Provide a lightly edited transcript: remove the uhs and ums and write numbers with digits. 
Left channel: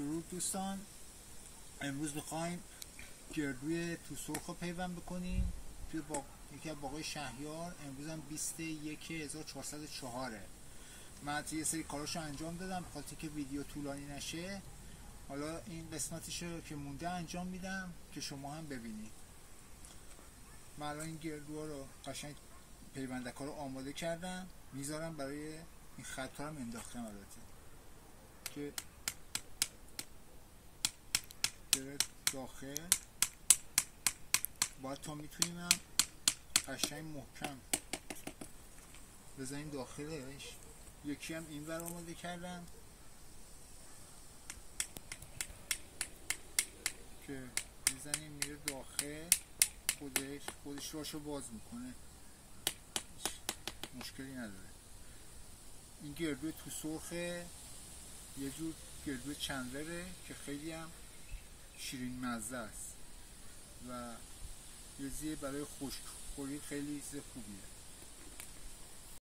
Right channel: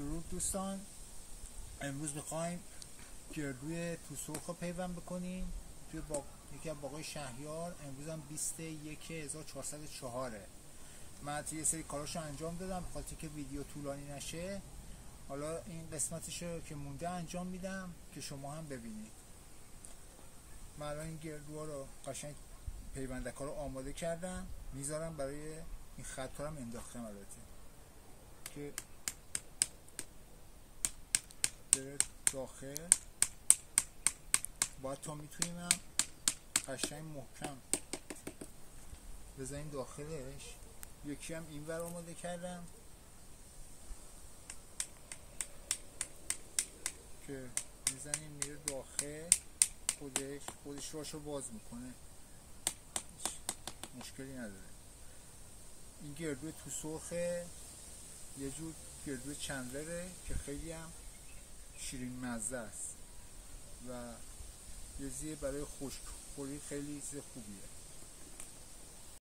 درود دوستان، امروز میخوایم گردوی تو سرخ رو پیوند بکنیم توی یکی از باغای شهریار. امروز هم 21/1404. من یه سری کاراشو انجام دادم بخاطر که ویدیو طولانی نشه. حالا این قسمتشو که مونده انجام میدم که شما هم ببینید. من الان این گردوها رو قشنگ پیوندک‌ها رو آماده کردم، میذارم برای این خط‌ها هم انداختم البته که بره داخل. باید تا میتونیم هم قشنگ محکم بزنیم داخلش. یکی هم این ور آماده کردم که میزنیم میره داخل، خودش راشو باز میکنه، مشکلی نداره. این گردو تو سرخه، یه جور گردو چندلره که خیلی هم شیرین مزه است و یه زیه برای خشکخوری خیلی چیز خوبیه.